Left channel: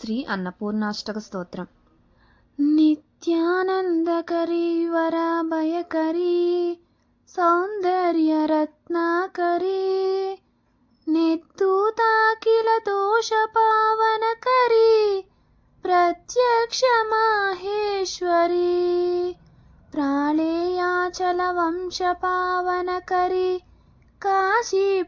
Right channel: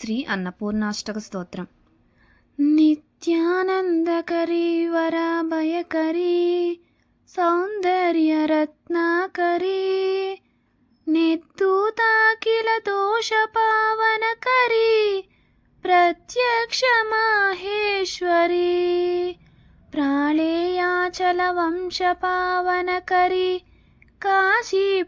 శ్రీ అన్నపూర్ణాష్టక స్తోత్రం. నిత్యానందకరీ వరాభయకరీ సౌందర్యరత్నాకరీ నెత్తూతాకిల దోష పావనకరీ ప్రత్యక్ష మాహేశ్వరీ ప్రాళేయాచల వంశ పావనకరీ కాశీపురాధీశ్వరీ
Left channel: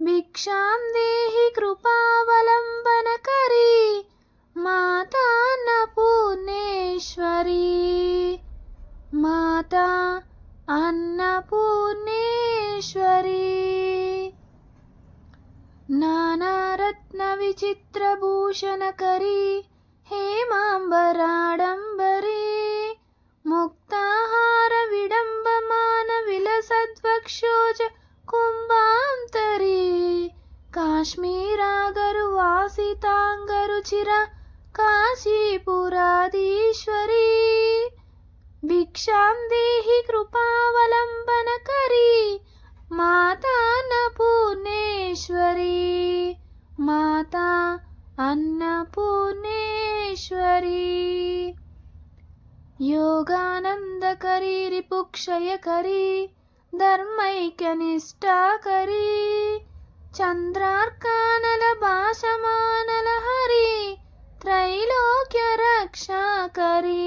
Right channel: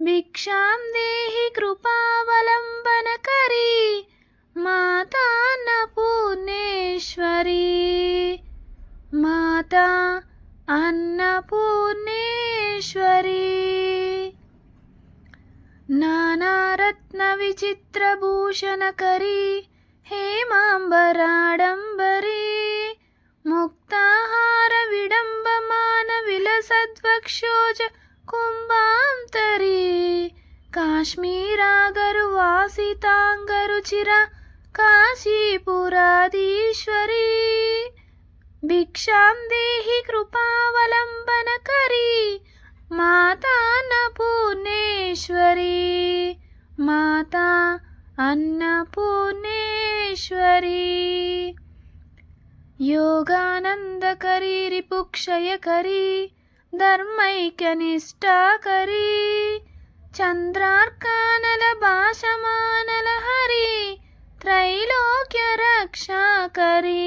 భిక్షాం దేహి కృపావలంబనకరీ మాతాన్నపూర్ణేశ్వరీ మాతా అన్నపూర్ణేశ్వరీ నానారత్న విచిత్రభూషణకరీ హేమాంబరాడంబరీ. కుంభాంతరి. కాశ్మీరాగరు వాసితాంగరు చిర కాశీపురాధీశ్వరి. భిక్షాం దేహి కృపావలంబన కరీ మాతా అన్నపూర్ణేశ్వరి మాతా అన్నపూర్ణేశ్వరి. యోగానందకరీ రిపుక్షయకరీ ధర్మైక్యనిష్టాకరీ చంద్రార్కానల భాషమానల హరి త్రైలోక్య రక్షాకరీ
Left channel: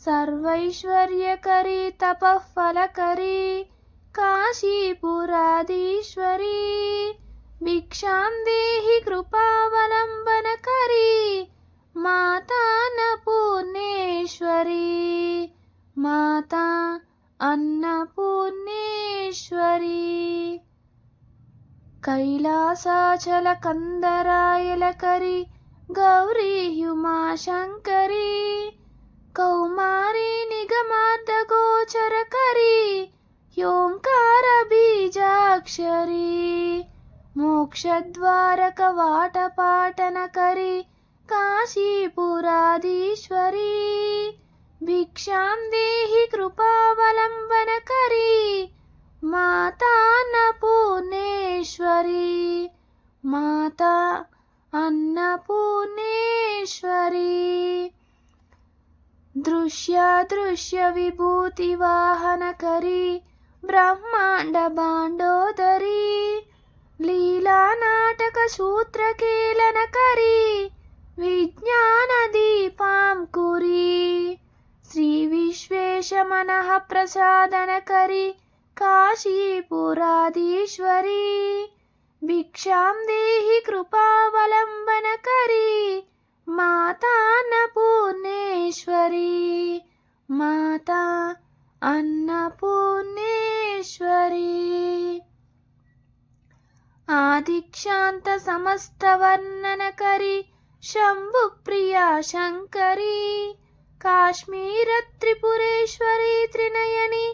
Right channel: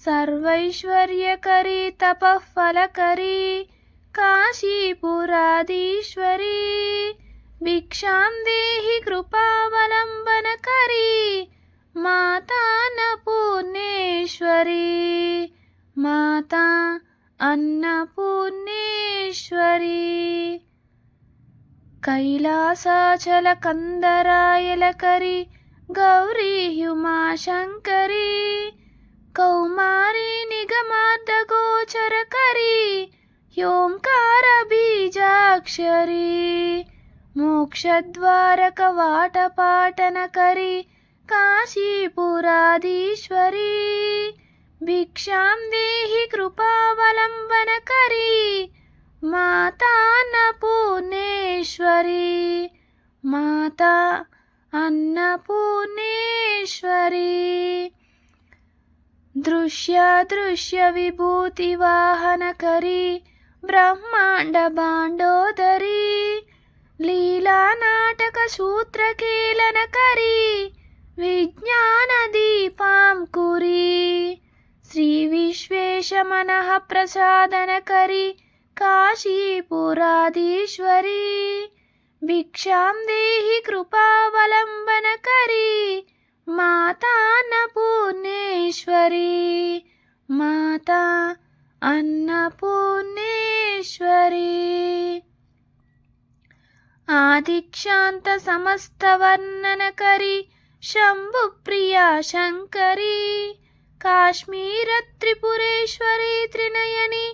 సర్వైశ్వర్యకరీ తపఫలకరీ కాశీపురాధీశ్వరీ భిక్షాం దేహి కృపావలంబనకరీ మాతాన పూర్ణేశ్వరీ కైలాసాచల కందరాయలకరి గౌరీ హ్యుమాశంకరీ కౌమారీ నిగమార్ధగోచరకరీ హ్యోంకార బీజాక్షరి మోక్షద్వారక వాటపాటనకరీ కాశీపురాధీశ్వరి భిక్షాం దేహి కృపావలంబనకరీ మాతాన్నపూర్ణేశ్వరీ మాతా అన్నపూర్ణేశ్వరీ. విభూతి విభూతివాహనకరీ బ్రహ్మాండ బాండోదరీ. లీలా నాటక సూత్రకేళనకరి విజ్ఞాన దీపాం కురీ. శ్రీ విశ్వేశ విశ్వేశమనః ప్రసాదనకరి కాశీపురాధీశ్వరీ భిక్షాం దేహి కృపావలంబనకరీ మాతాన్నపూర్ణేశ్వరీ మాతా అన్నపూర్ణేశ్వరీ ఆదిక్షాంత సమస్తవర్ణనకరి శంభుప్రియా శంకరీ కాశ్మీర త్రిపురేశ్వరీ త్రినయని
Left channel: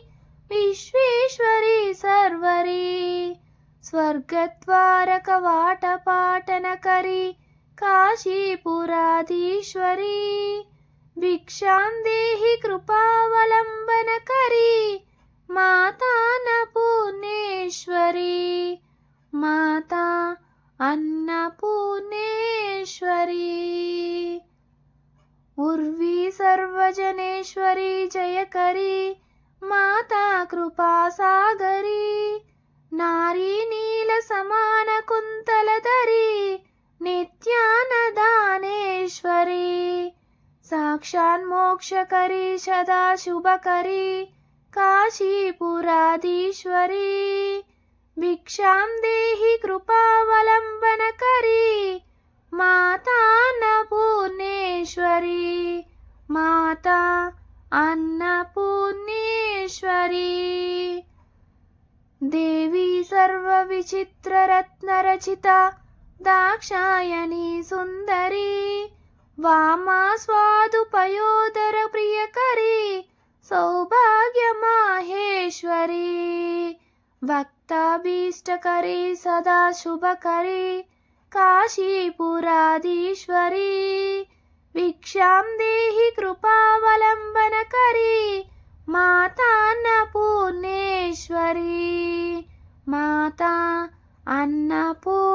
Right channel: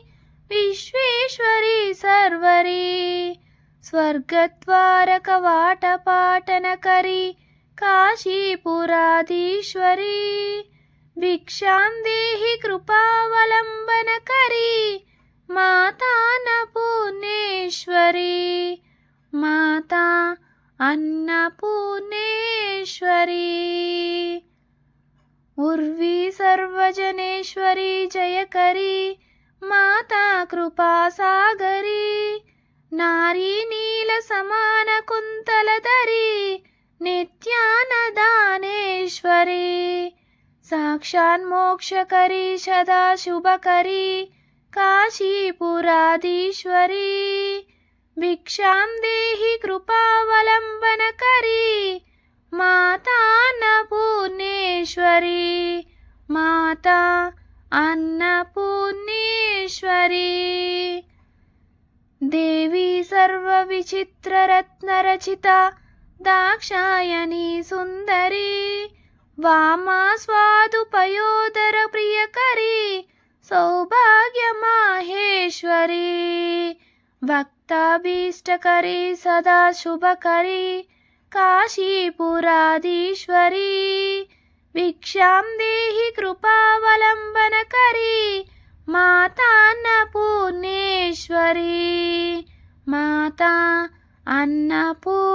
విశ్వేశ్వరి సర్వరి. స్వర్గద్వారక వాటపాటనకరి కాశీపురాధీశ్వరీ. భిక్షాం దేహి కృపావలంబనకరీ నిత్యానదానేశ్వరీ సాక్షాన్మోక్షకరీ సదా శుభకరీ కాశీపురాధీశ్వరీ భిక్షాం దేహి కృపావలంబనకరీ మాతాన్నపూర్ణేశ్వరీ మాతా అన్నపూర్ణేశ్వరీ దేవీ సర్వవిచిత్రరత్నరచిత దాక్షాయణీ సుందరీ వామా స్వాదుపయోదర ప్రియకరీ సౌభాగ్యమాహేశ్వరీ భక్తాభీష్టకరీ సదా శుభకరీ కాశీపురాధీశ్వరీ భిక్షాం దేహి కృపావలంబనకరీ మాతాన్నపూర్ణేశ్వరీ మాతా అన్నపూర్ణేశ్వరీ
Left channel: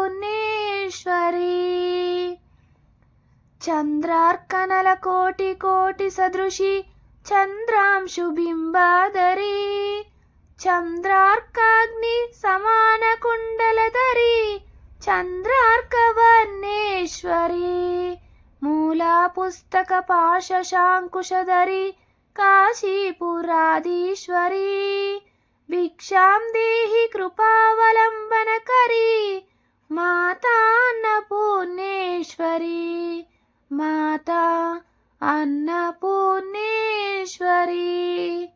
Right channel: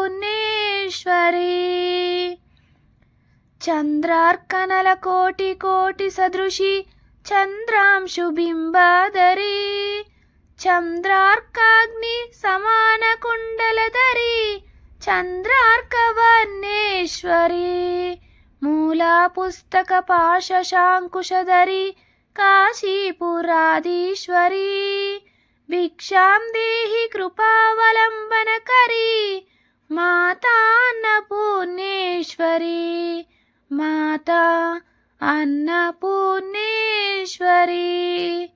చంద్రార్కనల కోటి కోటి సదృశి చంద్రాంశు బింబాదరి. చంద్రార్కాగ్ని సమాన కుండలధరి చంద్రార్కవర్ణేశ్వరి. మూలా పుస్తక పాశశాంకుశధరి కాశీపురాధీశ్వరి. భిక్షాం దేహి కృపావలంబనకరి మాతాన్న అన్నపూర్ణేశ్వరి మాతా అన్నపూర్ణేశ్వరి.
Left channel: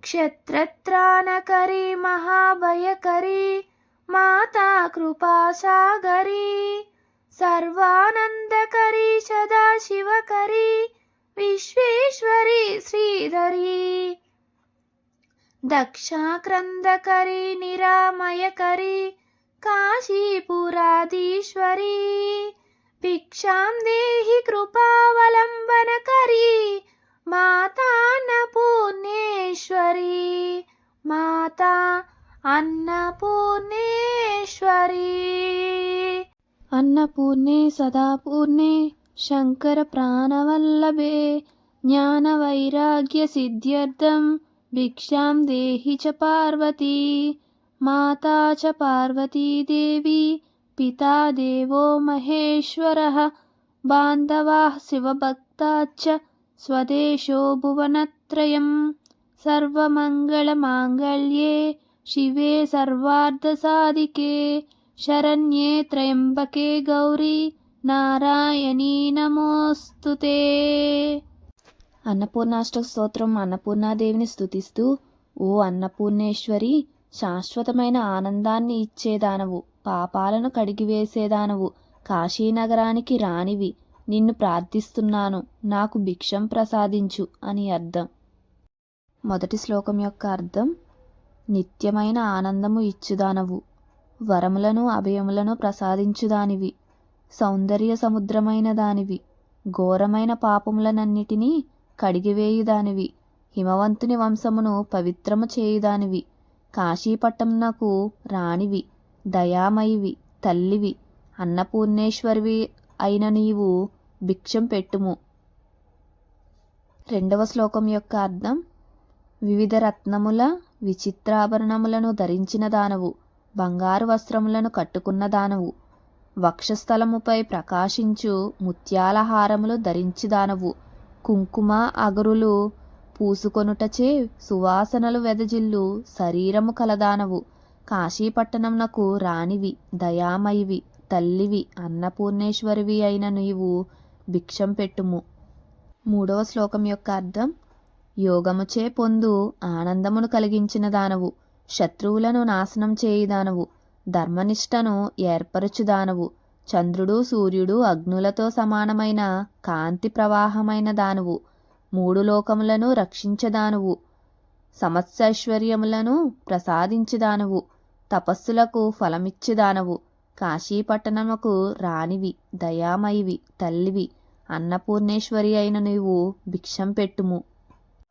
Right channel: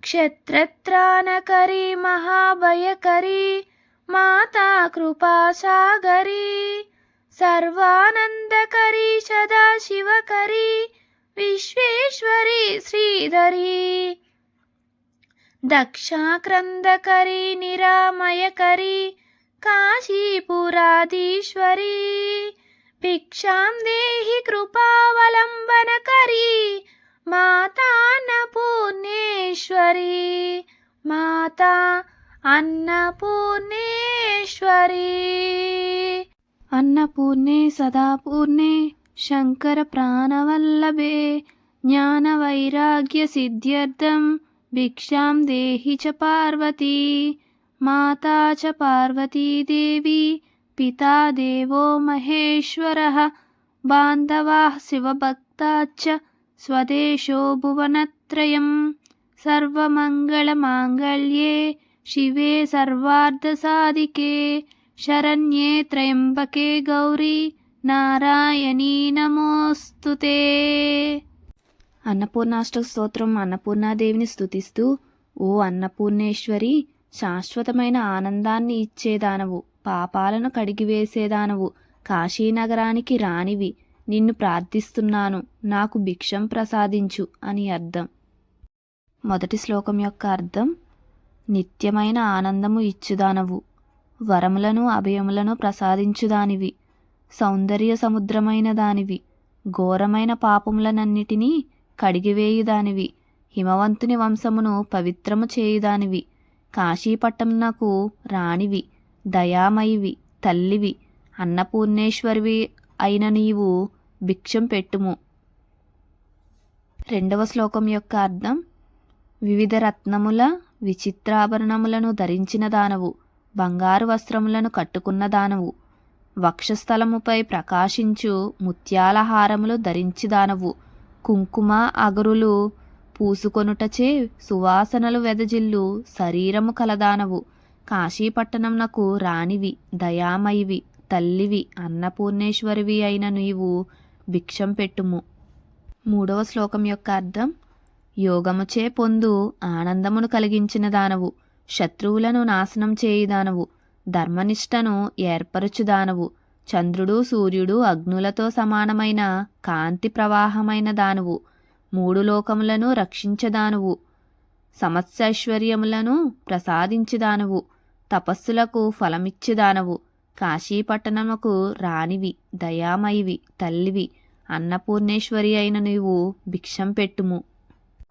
క్షత్రత్రాణకరి మహాభయకరి మాతా కృపాసాగరి. సర్వానందకరి సదాశివకరి విశ్వేశ్వరి శ్రీధరి. దక్షాక్రందకరి నిరామయకరి కాశీపురాధీశ్వరి. భిక్షాం దేహి కృపావలంబనకరి మాతాన్నపూర్ణేశ్వరి మాతా అన్నపూర్ణేశ్వరి అన్నపూర్ణే సదాపూర్ణే శంకర ప్రాణవల్లభే జ్ఞానవైరాగ్య సిద్ధ్యర్థం భిక్షాం దేహి చ పార్వతీ మాతా చ పార్వతీదేవి పితా దేవో మహేశ్వరः బాంధవాः శివభక్తాశ్చ స్వదేశో భువనత్రయం సర్వమంగళమాంగళ్యే శివే సర్వార్ధసాధికే శరణ్యే త్రయంబకే గౌరీ నారాయణీ నమోస్తుతే అన్నపూర్ణాష్ట స్తోత్రం అన్నపూర్ణాదేవిని స్థుతిస్తూ ఓ అన్నపూర్ణేశ్వరి శాశ్వతమైన ఆనందాన్ని ఇచ్చేదానవు పాపాలను కడిగివేసేదానవు కాశీనగరానికి రానివి. నిన్ను ప్రార్థిస్తున్నాను. నాకు భిక్షం ప్రసాదించు అని అర్థం. మొదటి శ్లోకం యొక్క అర్థం నిత్యమైన ఆనందము ఇచ్చుదానవు. వరములను అభయములను ప్రసాదించుదానివి. సౌందర్య సముద్రమైన దానివి. ఘోరమైన పాపములనన్నిటినీ కడిగివేయుదానివి హిమవంతుని వంశమును పవిత్రము చేయుదానివి. కాశీపట్టంనకు రాణివి దయామయివి తల్లివి అన్నపూర్ణేశ్వరివి అయిన నీవు భిక్షం పెట్టుము. రెండవ శ్లోకం యొక్క అర్థం వివిధ రత్నముల విచిత్రాభరణములను ధరించిన దానవు బంగారు వస్త్రములను కట్టుకున్న దానవు వక్షస్థలముపై ప్రకాశించు ముత్యాల హారములు ధరించిదానవు కుంకుమ అగరులు పూసుకొనుటచే సువాసనలు వెదజిల్లు శరీరము కలదానవు. కాశీపట్టణంనకు రాణివి దయామయివి తల్లివి అన్నపూర్ణేశ్వరివి అయిన నీవు భిక్షం పెట్టుము. మూడవ శ్లోకం యొక్క అర్థం యోగముచే పొందు ఆనందమును కలిగించిన దానవు శత్రువులను నాశనం చేయుదానవు ధర్మనిష్టను ఏర్పరచుదానవు చంద్రుడు సూర్యుడు అగ్నులతో సమానమైన కాంతి ప్రవాహమైన దానవు మూడు లోకములను రక్షించదానువు సమత్సైశ్వర్యములను ప్రసాదించుదానువు తపస్సులకు ఫలమిచ్చుదానవు. కాశీపట్టణముకు రాణివి దయామయివి తల్లివి అన్నపూర్ణేశ్వరి అయిన నీవు భిక్షం పెట్టుము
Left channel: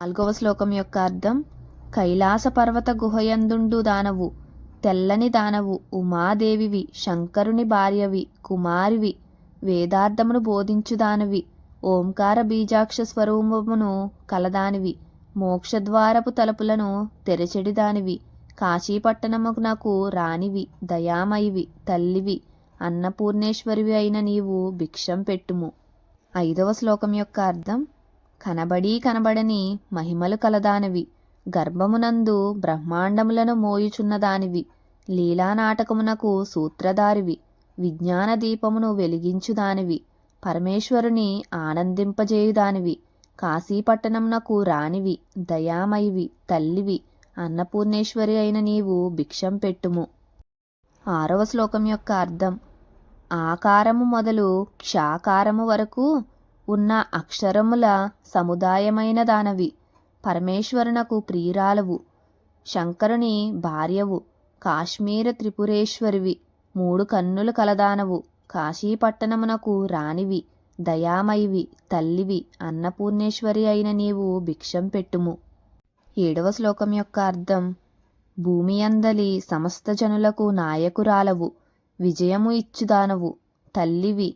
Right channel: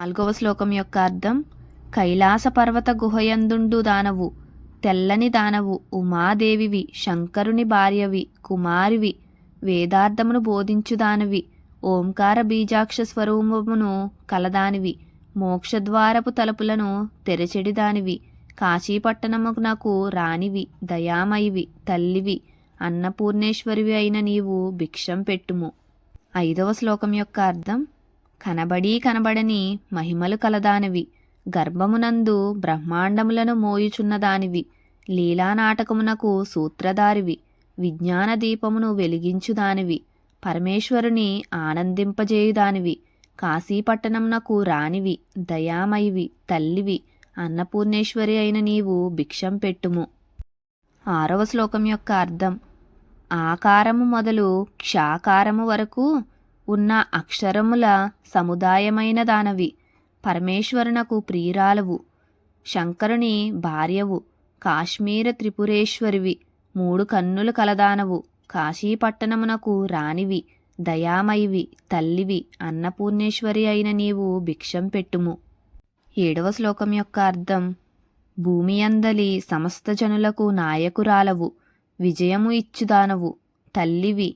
నాలుగవ శ్లోకం యొక్క అర్థం కైలాస పర్వత గుహయందుండు దానవు తెల్లని దానవు ఉమాదేవివి శంకరుని భార్యవి కుమారివి వేదార్థమును బోధించుదానివి ఓంకార బీజాక్ష స్వరూపమును కలదానివి మోక్షద్వారపు తలుపులను తెరచెడిదానివి కాశీపట్టణమునకు రానివి దయామయివి తల్లివి అన్నపూర్ణేశ్వరివి అయిన నీవు భిక్షం పెట్టుము. ఐదవ శ్లోకం యొక్క అర్థం కనబడి కనబడని మహిమలు కలదానివి గర్భమునందు బ్రహ్మాండములను మోయుచున్నదానివి లీలానాటకమునకు సూత్రధారివి విజ్ఞాన దీపమును వెలిగించుదానివి పరమేశ్వరుని ఆనందింపజేయుదానివి కాశీపట్టణంనకు రానివి దయామయివి తల్లివి అన్నపూర్ణేశ్వరి అయిన నీవు భిక్షం పెట్టుము. ఆరవ శ్లోకం యొక్క అర్థం. ఆకారము మొదలు క్షాకారము వరకు ఉన్న అక్షరముల సముదాయమైన దానవి. పరమేశ్వరునకు ప్రియురాలవు. శంకరుని భార్యవు. కాశ్మీర త్రిపురేశ్వరివి. మూడు కన్నులు కలదానవు. కాశీపట్టణమునకు రానివి దయామయివి తల్లివి అన్నపూర్ణేశ్వరి అయిన నీవు భిక్షం పెట్టుము. ఏడవ శ్లోకం యొక్క అర్థం భూమి అందలి సమస్త జనులకు నాయకురాలవు విజయము ఇచ్చుదానవు తల్లివి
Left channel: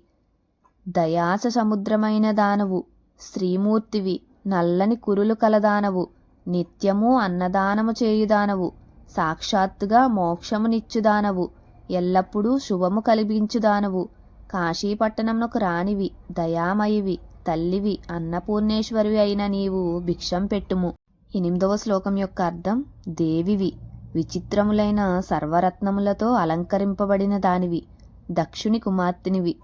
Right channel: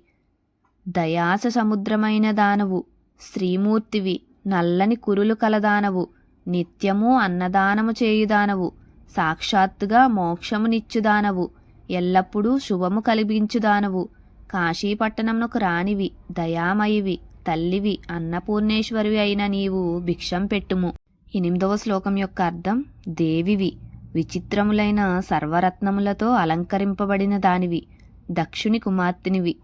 దయాస సముద్రమైన దానవు శ్రీమూర్తివి నల్లని కురులు కలదానవు నిత్యము అన్నదానము చేయుదానవు సాక్షాత్తుగా మోక్షమునిచ్చుదానవు ఎల్లప్పుడూ శుభము కలిగించుదానవు కాశీపట్టణంనకు రానివి దయామయివి తల్లివి అన్నపూర్ణేశ్వరివి అయిన నీవు భిక్షం పెట్టుము. ఎనిమిదవ శ్లోకం యొక్క అర్థం దేవివి విచిత్రములైన సర్వరత్నములతో అలంకరింపబడిన దానివి దక్షుని కుమార్తెనివి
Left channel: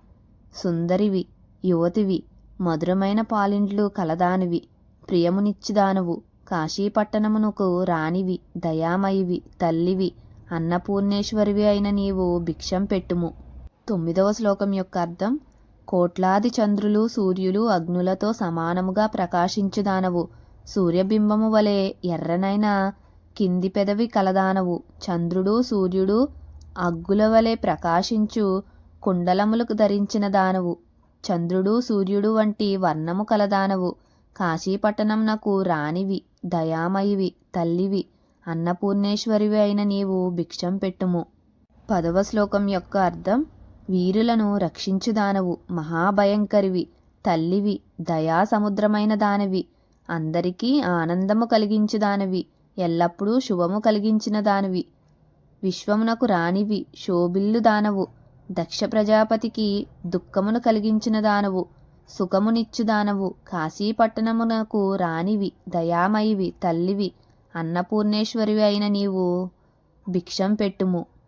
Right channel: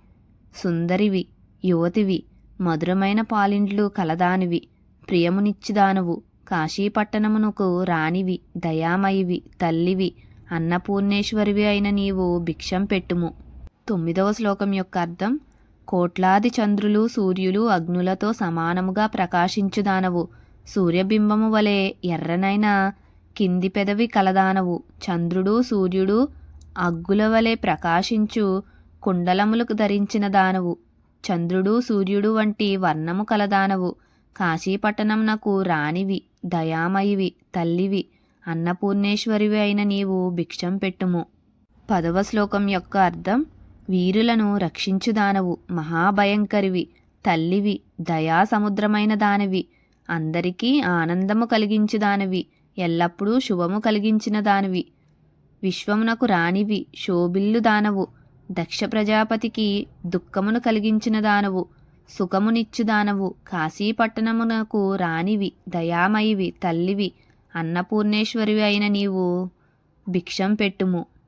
సుందరివి యువతివి మధురమైన పాలిండ్లు కలదానివి ప్రియమునిచ్చిదానువు కాశీపట్టణమునకు రానివి దయామయివి తల్లివి అన్నపూర్ణేశ్వరివి అయిన నీవు భిక్షం పెట్టుము. తొమ్మిదవ శ్లోకం యొక్క అర్థం కోట్లాది చంద్రులు సూర్యులు అగ్నులతో సమానముగా ప్రకాశించుదానవు. సూర్యబింబము వలె ఎర్రనైన కింది పెదవి కలదానవు. చంద్రుడు సూర్యుడు అగ్గుల వలె ప్రకాశించు కుండలములకు ధరించిన దానవు. చంద్రుడు సూర్యుడు వంటి వర్ణము కలదానవు. కాశీపట్టణంనకు రాణివి దయామయివి తల్లివి అన్నపూర్ణేశ్వరివి అయిన నీవు భిక్షం పెట్టుము. పదవ శ్లోకం యొక్క అర్థం వీరులను రక్షించుదానవు మహాభయంకరివి తల్లివి దయా సముద్రమైన దానివి. అందరికీ ఆనందము కలిగించుదానివి ఎల్లప్పుడూ శుభము కలిగించిన దానివి విశ్వమునకు రానివి శోభిల్లు దానవు. దక్ష ప్రజాపతికి దుఃఖమును కలిగించిన దానవు సుఖమునిచ్చు దానవు కాశీపట్టణమునకు రానివి దయామయివి తల్లివి అన్నపూర్ణేశ్వరివి అయిన నీవు భిక్షం పెట్టుము.